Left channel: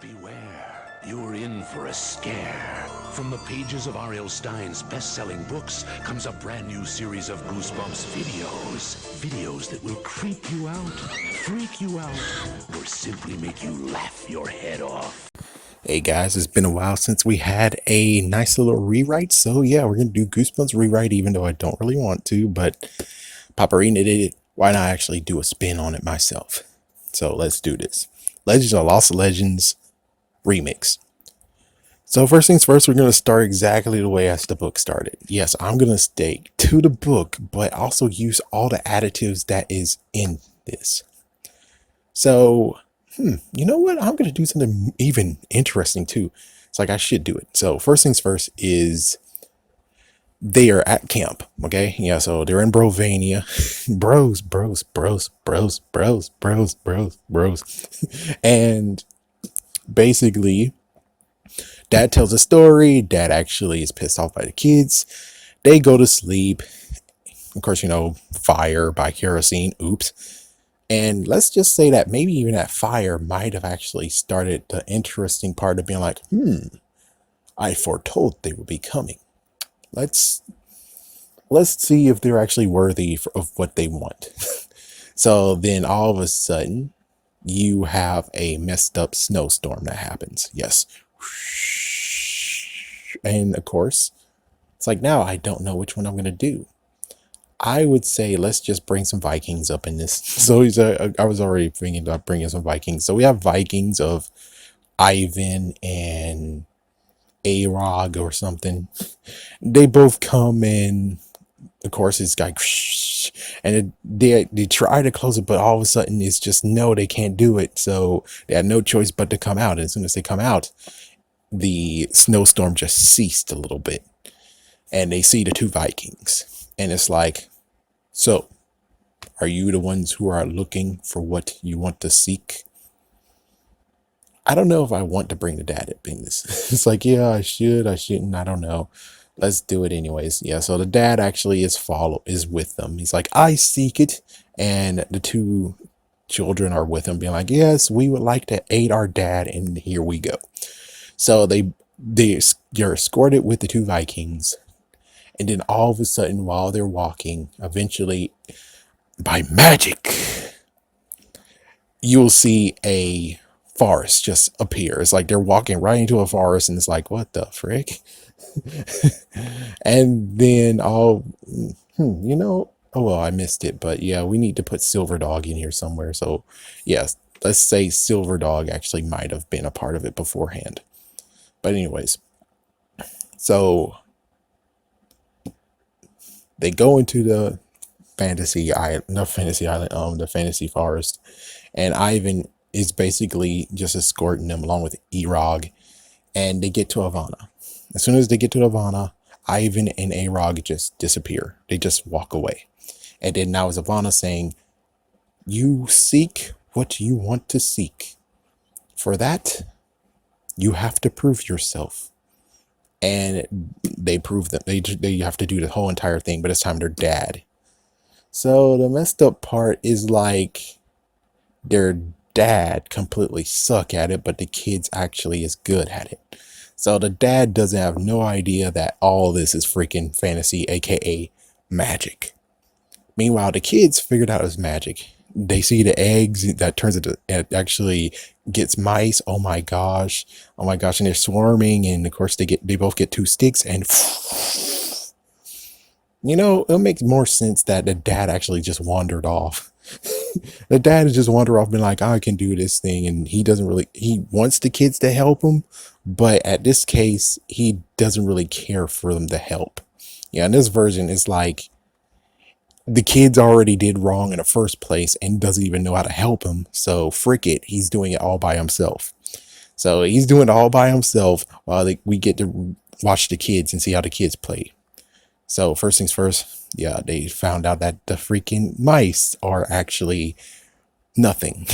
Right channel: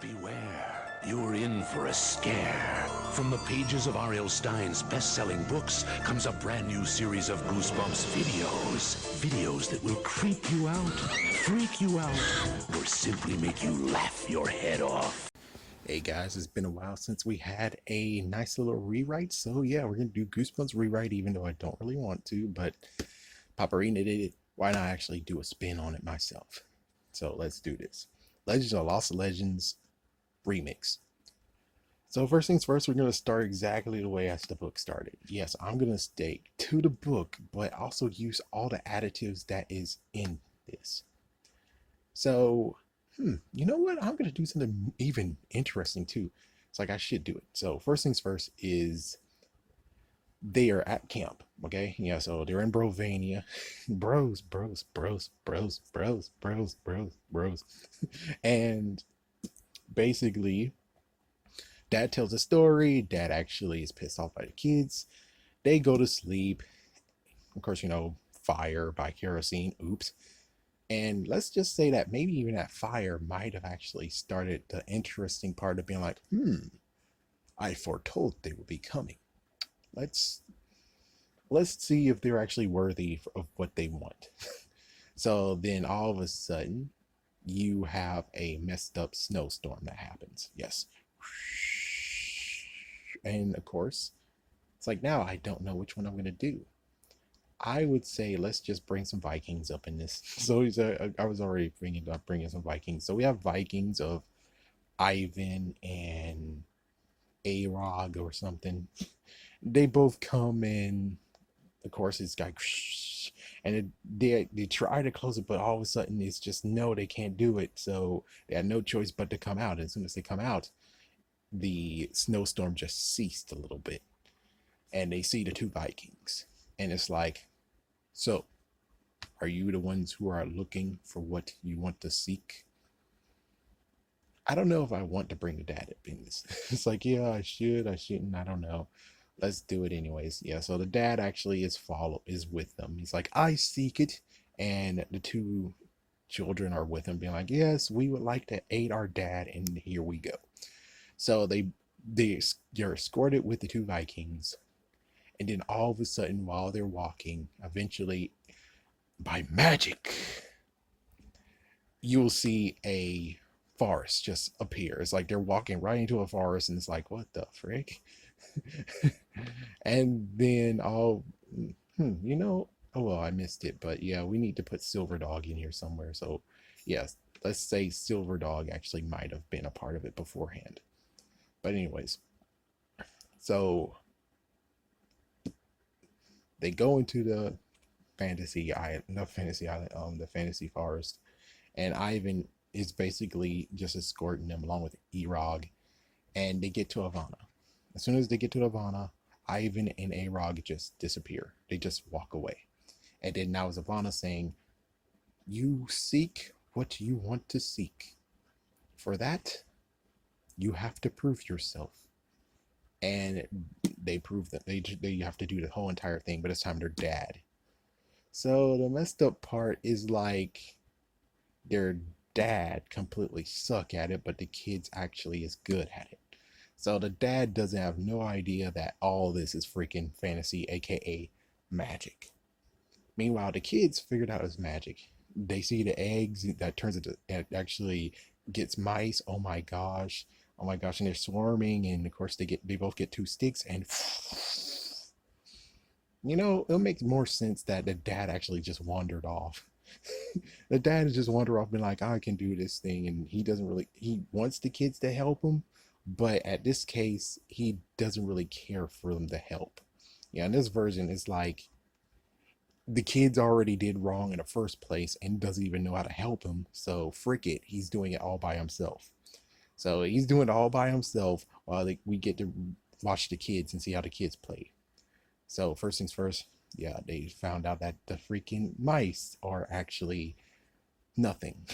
Beware, you're in for a scare. From the pages of R.L. Stein's best-selling books comes a brand new series of Goosebumps videos. Videos that will creep you out, freak you out, or simply make you laugh your head off. Hey guys, it's been a while since we had a nice little rewrite, so yeah, we're gonna do Goosebumps rewrite even though I don't really want to, but Paparina did it. Why not actually do a spin on it myself? So let's do this. Legends of Lost Legends remix. So first things first, we're gonna start exactly the way as the book started. Yes, I'm gonna stay to the book, but also use all the additives that is in this. So, you know what? I'm gonna do something even interesting too. It's like I should do it. So first things first is they are at camp. Okay, yeah. So they're in Brovania, bros, and basically, Dad tells a story. Dad actually is pissed off by the kids. They go to sleep. Of course, fire by kerosene. Oops. And let's just say that maybe even that fire might have actually started the interesting part of being like, I foretold they would be coming. Let's see if they're actually worthy of what they want. So then all of a sudden, you have a messed up snowstorm that happens. Yes. And of course, it's like now I don't know which one I'm going to do. I would say let's just bring some Vikings up in this. So I was already thinking about bringing some Vikings. So we have Vikings of Ivan and Arog or something. They both come in. Of course, it's like, and they try to close it, but all of a sudden it's just no, they can't do it. So they had no choice but to come out. And as soon as they come out, the snowstorm just ceased a little bit, and they see the two Vikings, and it's like, so are you the ones who are looking for what you want to seek? I don't know if I want to bring the dad up in this. It's like, yeah, I shouldn't, I don't know. Let's do it anyways. Yeah, so the dad actually is with them. He's like, I seek it. And the two children are with him, being like, yes, we would like to aid our dad, and here we go. So they're escorted with the two Vikings. And then all of a sudden, while they're walking, eventually, by magic, you'll see a forest just appear. It's like they're walking right into a forest, and it's like, what the frick? And then oh well, I missed it, but yeah, we need to put Silver Dog in here somewhere. So yes, let's say Silver Dog actually might have been a part of it beforehand. But anyways, so they go into the fantasy island, not fantasy island, the fantasy forest, and Ivan is basically just escorting them along with Erog, and they get to Havana. As soon as they get to Havana, Ivan and Arog just disappear. They just walk away. And then now is Havana saying, you seek what you want to seek. For that, you have to prove yourself. And they prove that they have to do the whole entire thing, but it's time their dad. So the messed up part is like their dad completely suck at it, but the kids actually is good at it. So the dad doesn't have no idea that all this is freaking fantasy, aka magic. Meanwhile, the kids figured out it's magic. They see the eggs that turns into, it actually gets mice. Oh my gosh. Oh my gosh. And they're swarming. And of course they both get two sticks, and it makes more sense that the dad actually just wandered off. The dad just wandered off, being like, I can do this thing. And he wants the kids to help him. But at this case, he doesn't really care for them to help. Yeah, in this version, it's like the kids already did wrong in the first place and doesn't even know how to help him. So frick it, he's doing it all by himself. So he's doing it all by himself while we get to watch the kids and see how the kids play. So first things first, yeah, they found out that the freaking mice are actually nothing.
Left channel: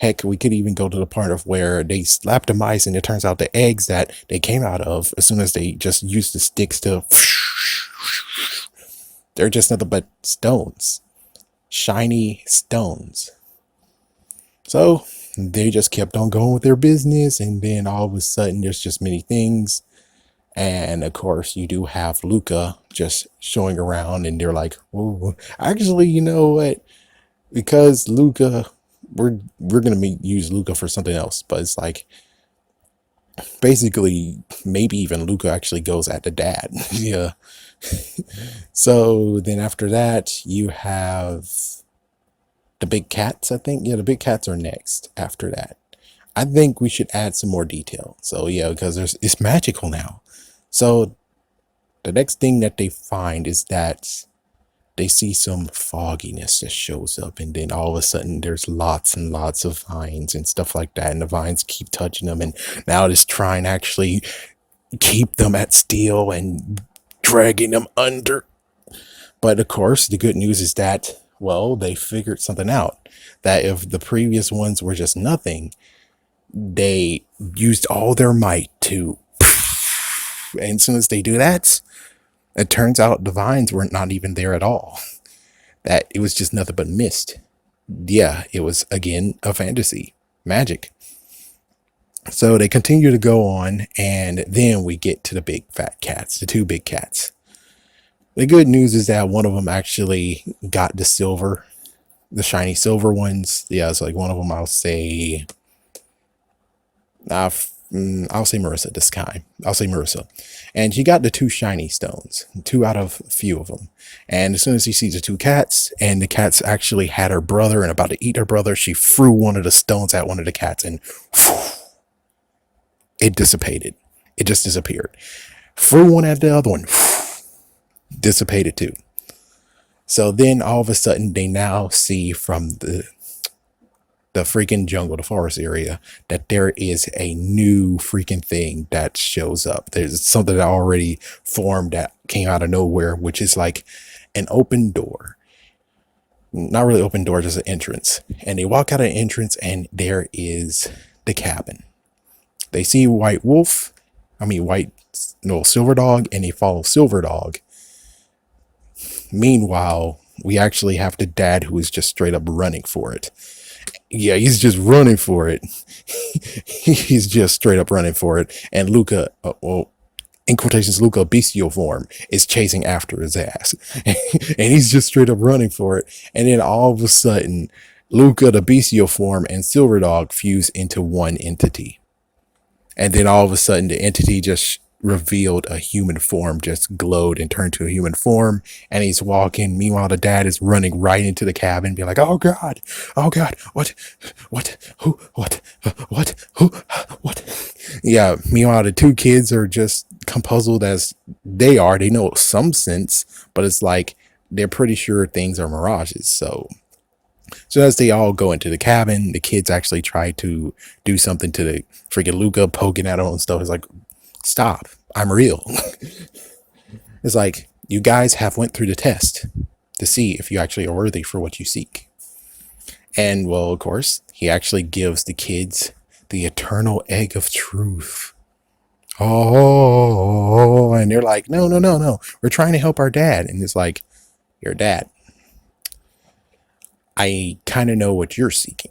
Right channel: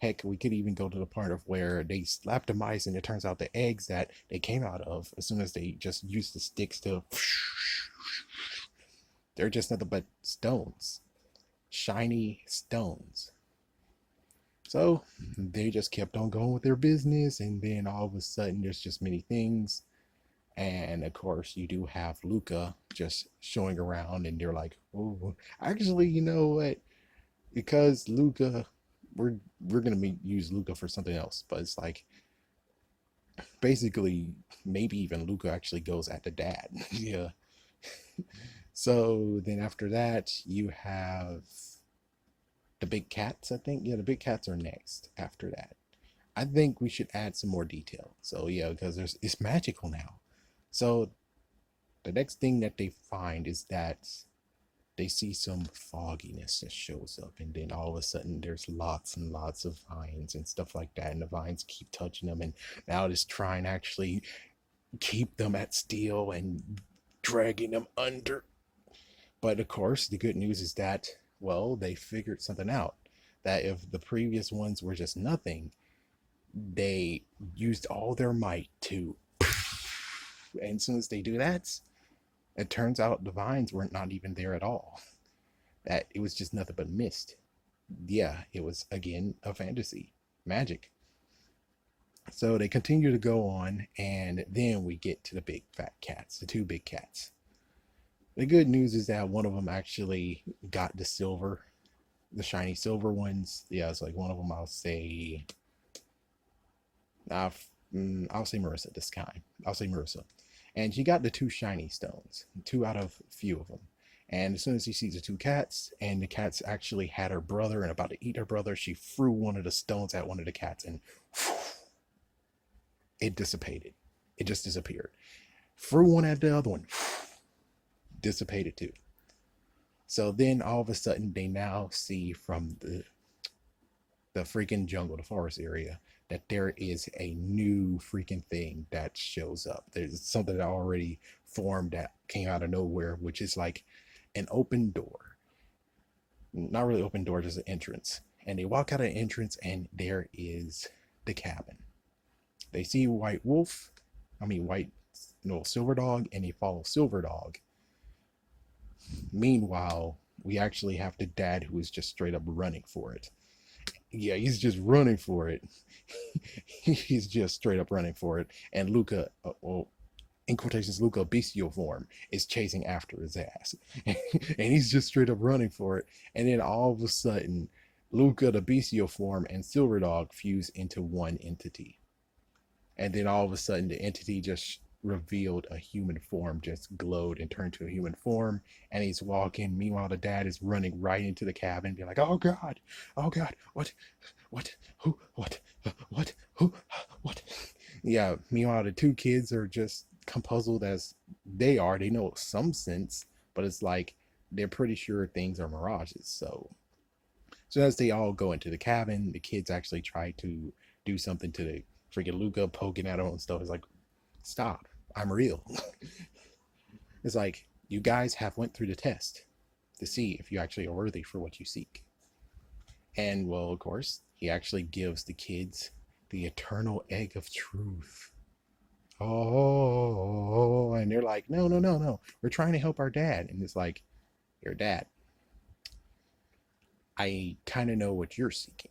Heck, we could even go to the part of where they slap the mice, and it turns out the eggs that they came out of, as soon as they just used the sticks to, they're just nothing but stones, shiny stones. So they just kept on going with their business, and then all of a sudden there's just many things. And of course you do have Luca just showing around, and they're like, oh, actually, you know what? Because Luca, we're gonna use Luca for something else, but it's like basically maybe even Luca actually goes at the dad. Yeah. So then after that you have the big cats, I think. Yeah, the big cats are next after that. I think we should add some more detail. So yeah, because it's magical now. So the next thing that they find is that they see some fogginess that shows up, and then all of a sudden there's lots and lots of vines and stuff like that, and the vines keep touching them, and now it's trying to actually keep them at steel and dragging them under. But of course, the good news is that, well, they figured something out. That if the previous ones were just nothing, they used all their might to. And as soon as they do that, it turns out the vines were not even there at all. That it was just nothing but mist. Yeah, it was again a fantasy. Magic. So they continue to go on, and then we get to the big fat cats, the two big cats. The good news is that one of them actually got the shiny silver ones. Yeah, it's like one of them, I'll say Marissa this time. I'll say Marissa. And she got the two shiny stones, two out of a few of them. And as soon as she sees the two cats, and the cats actually had her brother and about to eat her brother, she threw one of the stones at one of the cats, and it dissipated. It just disappeared. Threw one at the other one, dissipated too. So then all of a sudden they now see from the freaking jungle, the forest area, that there is a new freaking thing that shows up. There's something that already formed that came out of nowhere, which is like an open door. Not really open door, just an entrance. And they walk out of the entrance, and there is the cabin. They see Silver Dog, and they follow Silver Dog. Meanwhile, we actually have the dad who is just straight up running for it. Yeah, he's just running for it. He's just straight up running for it. And Luca, in quotations, Luca bestial form is chasing after his ass. And he's just straight up running for it. And then all of a sudden, Luca, the bestial form, and Silver Dog fuse into one entity. And then all of a sudden, the entity just revealed a human form, just glowed and turned to a human form. And he's walking. Meanwhile, the dad is running right into the cabin, being like, oh God, what, who, what? Yeah. Meanwhile, the two kids are just compuzzled as they are. They know some sense, but it's like they're pretty sure things are mirages. So as they all go into the cabin, the kids actually try to do something to the freaking Luca, poking at him and stuff. It's like, stop, I'm real. It's like, you guys have went through the test to see if you actually are worthy for what you seek. And well, of course, he actually gives the kids the eternal egg of truth. Oh, and they're like, no, we're trying to help our dad. And it's like, your dad, I kind of know what you're seeking.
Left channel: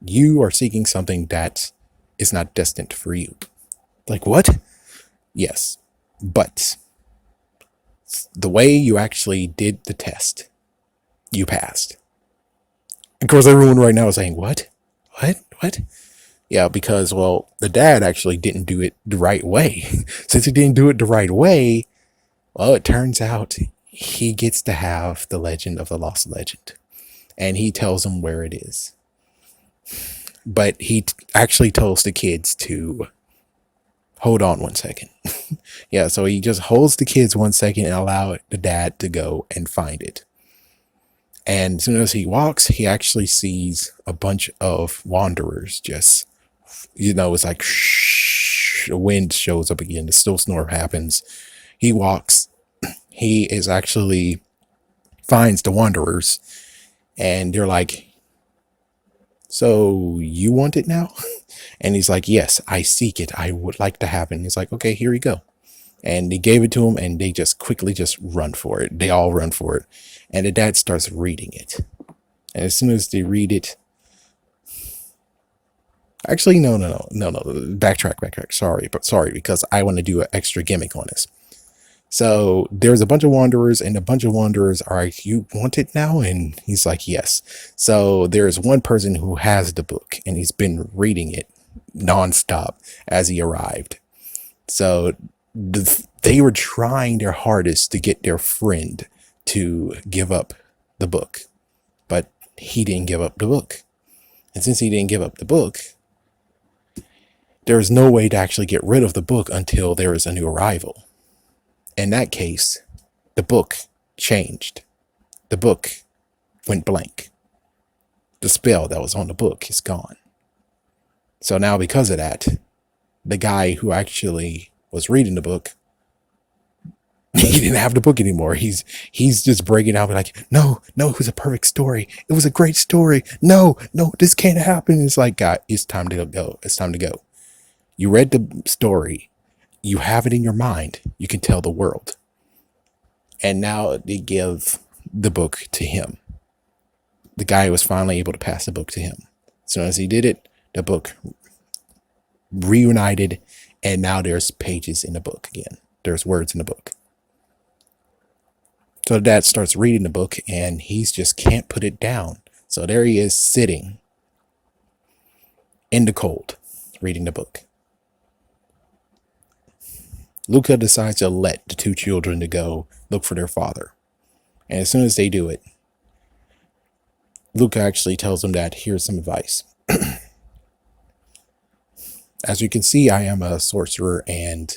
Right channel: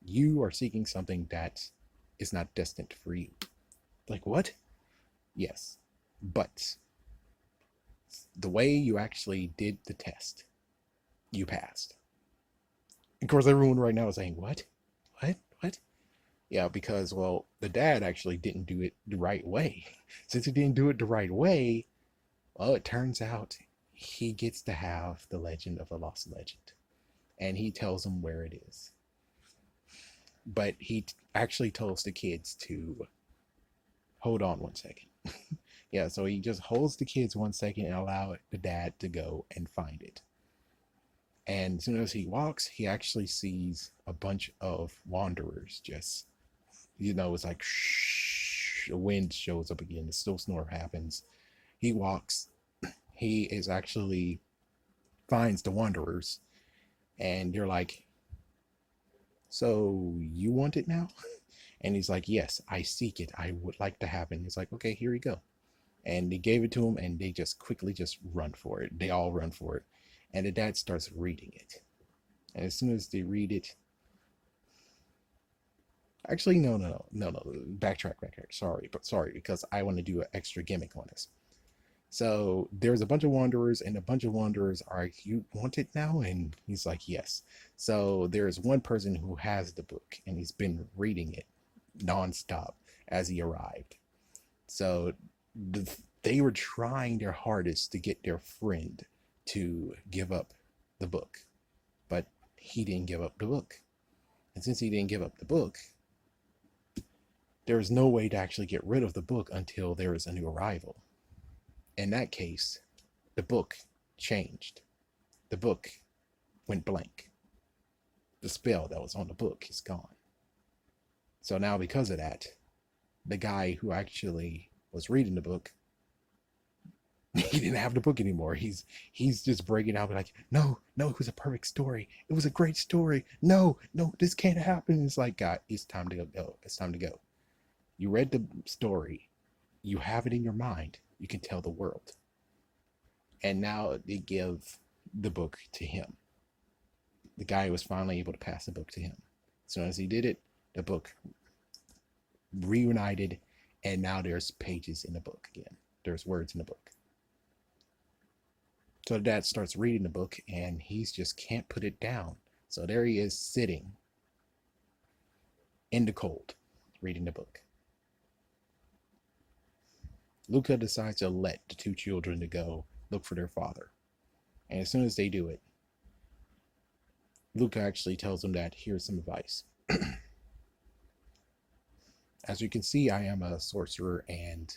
You are seeking something that is not destined for you. Like, what? Yes, but the way you actually did the test, you passed. Of course, everyone right now is saying, what? Yeah, because, well, the dad actually didn't do it the right way. Since he didn't do it the right way, well, it turns out he gets to have the legend of the lost legend. And he tells them where it is. But he actually tells the kids to hold on 1 second. Yeah, so he just holds the kids 1 second and allow the dad to go and find it. And as soon as he walks, he actually sees a bunch of wanderers just, it's like, shh, the wind shows up again. The still snore happens. He walks. He is actually finds the wanderers. And they're like, so you want it now? And he's like, yes, I seek it. I would like to have it. And he's like, okay, here you go. And they gave it to him, and they just quickly just run for it. They all run for it. And the dad starts reading it. And as soon as they read it, Actually, no. Backtrack. Sorry, because I want to do an extra gimmick on this. So there's a bunch of wanderers, and a bunch of wanderers are like, "You want it now?" And he's like, "Yes." So there's one person who has the book, and he's been reading it nonstop as he arrived. So they were trying their hardest to get their friend to give up the book, but he didn't give up the book. And since he didn't give up the book, there's no way to actually get rid of the book until there is a new arrival. In that case, the book changed. The book went blank. The spell that was on the book is gone. So now, because of that, the guy who actually was reading the book, he didn't have the book anymore. He's just breaking out like, no, it was a perfect story. It was a great story. No, this can't happen. It's like, God, it's time to go. It's time to go. You read the story. You have it in your mind. You can tell the world. And now they give the book to him. The guy was finally able to pass the book to him. As soon as he did it, the book reunited, and now there's pages in the book again. There's words in the book. So dad starts reading the book, and he's just can't put it down. So there he is sitting in the cold, reading the book. Luca decides to let the two children to go look for their father. And as soon as they do it, Luca actually tells them that here's some advice. As you can see, I am a sorcerer, and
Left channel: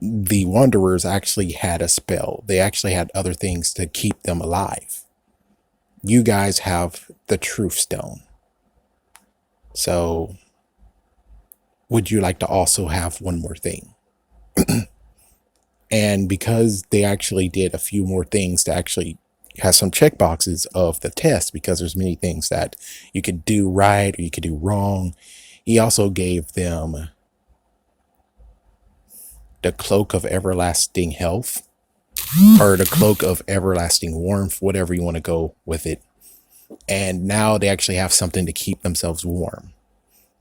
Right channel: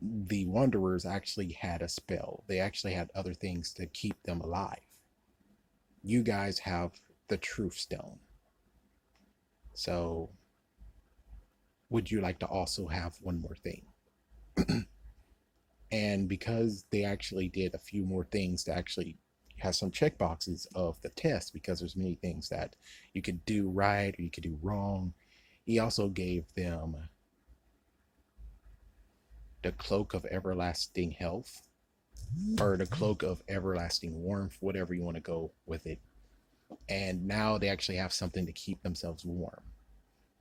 the wanderers actually had a spell. They actually had other things to keep them alive. You guys have the truth stone. So would you like to also have one more thing? And because they actually did a few more things to actually have some check boxes of the test, because there's many things that you could do right or you could do wrong, he also gave them the cloak of everlasting health, or the cloak of everlasting warmth, whatever you want to go with it. And now they actually have something to keep themselves warm,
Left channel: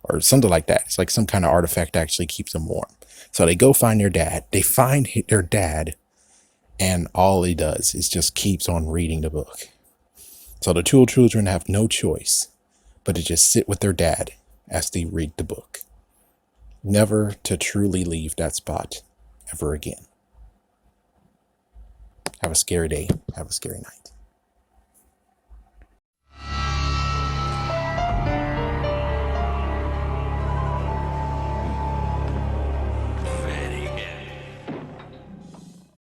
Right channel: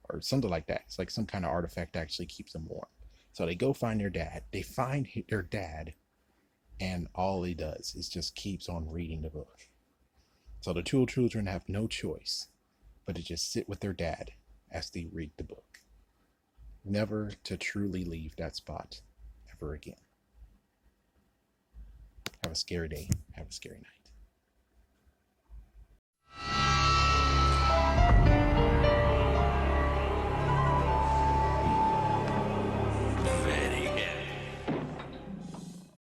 or something like that. It's like some kind of artifact that actually keeps them warm. So they go find their dad. They find their dad, and all he does is just keeps on reading the book. So the two children have no choice but to just sit with their dad as they read the book, never to truly leave that spot ever again. Have a scary day. Have a scary night.